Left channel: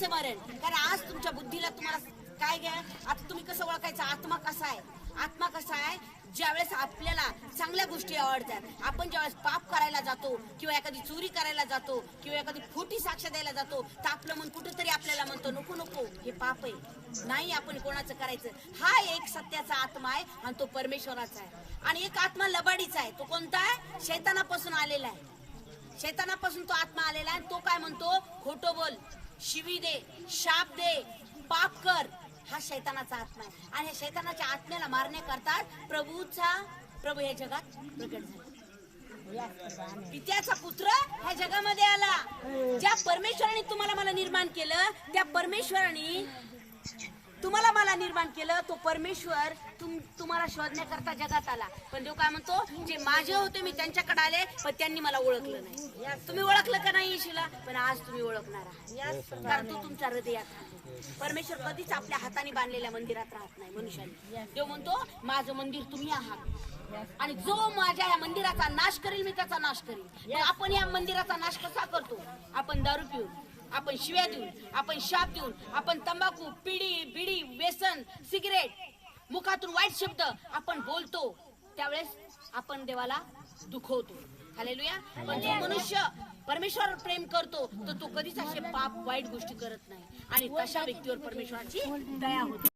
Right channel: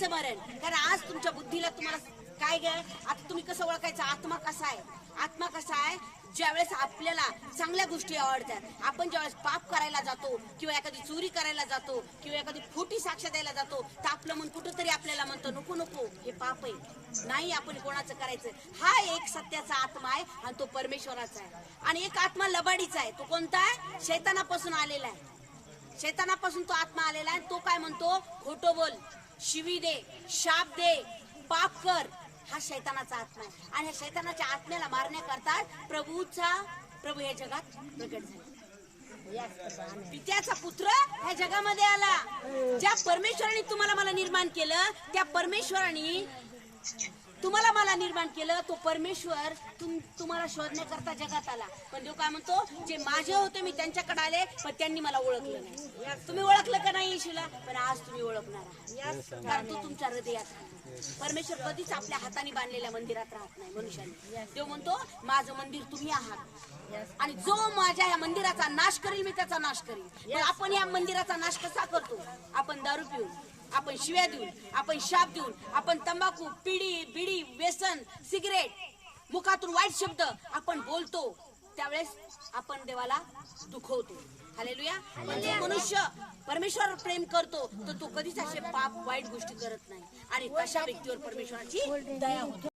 मेल्याचं मरण. कारण आज तुमच्या बुद्धीला तुम्हाला काय ग? आता तुम्ही कसं ओळखायचं? आत्मा कसा आहे? आत्मा कसा आहे? ज्यावेळेस आपल्याला चांगल्या गोष्टी आवडतात आपण ज्यावेळेस पाप करायला जातो किंवा एखादी चोरी करायला जातो किंवा एखादी खोटी साक्ष द्यायला जातो तर आपलं मन कुठंतरी आपल्याला म्हणतो नको नको हे पाप आहे. नाही आपण कोणाचं करायचं. हा एक सत्याचा आत्मा आहे आणि तो परमेश्वराचा आहे. आणि एक आत्मा लबाडीचा आहे. तो कोणता आहे? शैतानापासून आलेला आहे. शैतानापासून तो आत्मा आलेला आहे तो काय म्हणतो? खोटो बोल. शिवी दे शाप दे पाप कर. हा शैतानाचा आत्मा आहे. आणि ह्या शैतानाच्या आत्म्याला मारण्याकरता प्रभूचा प्रभू या जगात प्रगट झाला. पित्याचा पुत्र ह्या जगामध्ये आला. ज्या परमेश्वराने तुम्हाला मला निर्माण केलं त्या परमेश्वराने तुम्हाला मला निर्माण केलं तो परमेश्वर तुम तुम्हाला शोधण्याकरता जगात आला. पण देव काय म्हणतो? जे माझे होते मी त्यांच्याकडे आले पण त्यांनी मला ओळखलं नाही. तुम्ही ओळखलं का नाही येशूला? पण आज तुम्ही ओळखणार आहात. कारण तो तुमच्या हृदयात राहतो. परमेश्वर कधीच आपल्या हाताने बांधलेल्या मंदिरात राहत नाही मनुष्याने. देव म्हणतो माझं मंदिर तुम्ही आहात. आणि जो माझ्या या मंदिराचा नाश करेल मी त्याचा नाश करेल आपण या मंदिराचा नाश कसा करतो? आपण दारू पिऊन. आपण शिव्या देऊन आपण शाप देऊन आपण तंबाखू पिढी बिडी व्यसन सिगरेट मुखातून वाईट शब्द आपण बोलतो त्यावेळेस आपण देवाला दुखवतो. हालेलुया म्हणजे मनुष्य परमेश्वर प्रेम करतो तर तो कधीच असे पाप वाईट गोष्टी करत नाही. आणि तशा व्यक्तीवर परमेश्वराची दया होते.